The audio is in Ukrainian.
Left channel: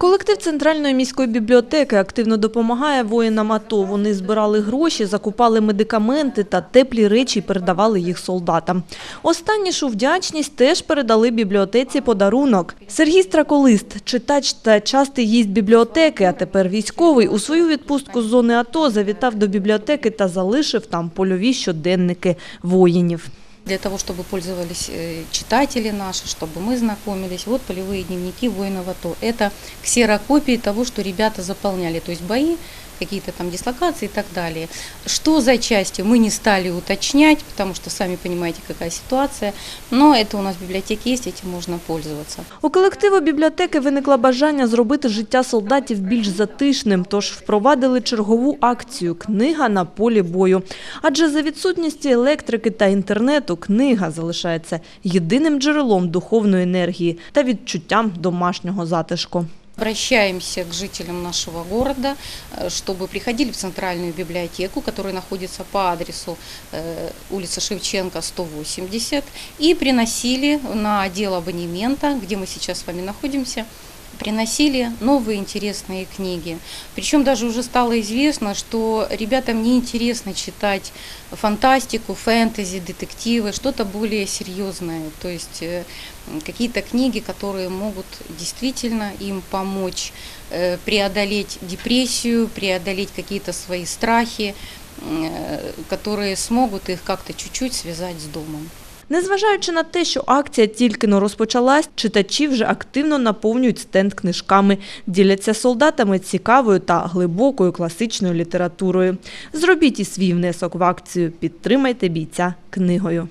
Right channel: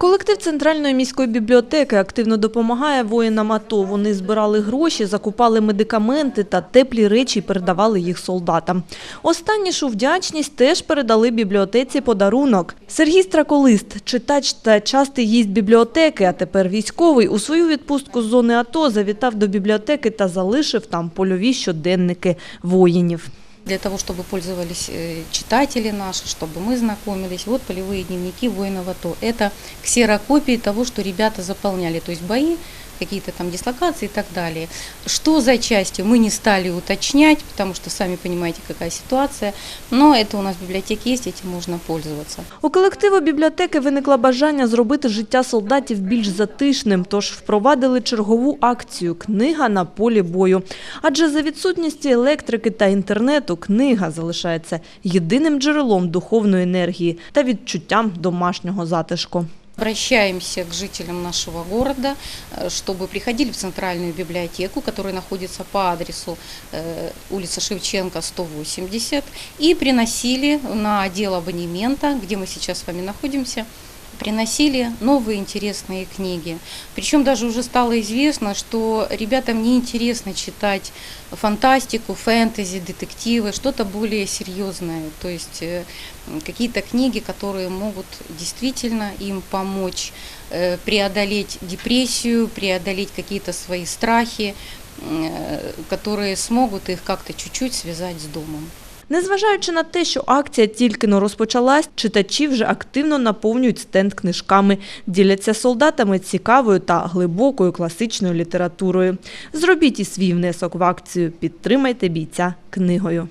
Колектив Центральної міської бібліотеки активно допомагає воїнам АТО. Вони збирали гроші, закупали медикаменти та теплі речі передавали їх солдатам. Останнішу вдячність теж передали бібліотеці подарунок. Сергій Страколист, читач та частий гість бібліотеки, а тепер військовий, у свою відпустку з зони АТО завітав до бібліотеки та залишив там польові щоденники воїнів. У колективу бібліотеки виникло бажання зробити життя солдатів більш затишним, тож впровадили чергову акцію Книга на полі бою. Адже за відсутністю електрики та інтернету книга залишається єдиним джерелом духовної енергії та відчуттям домашнього затишку. Незважаючи на те, що акція тільки но розпочалась, читачі вже активно наповнюють стенд книжками, діляться солдатами цікавою та глибокою класичною літературою. Зробіть і свій внесок в акцію, підтримайте бійця книгою.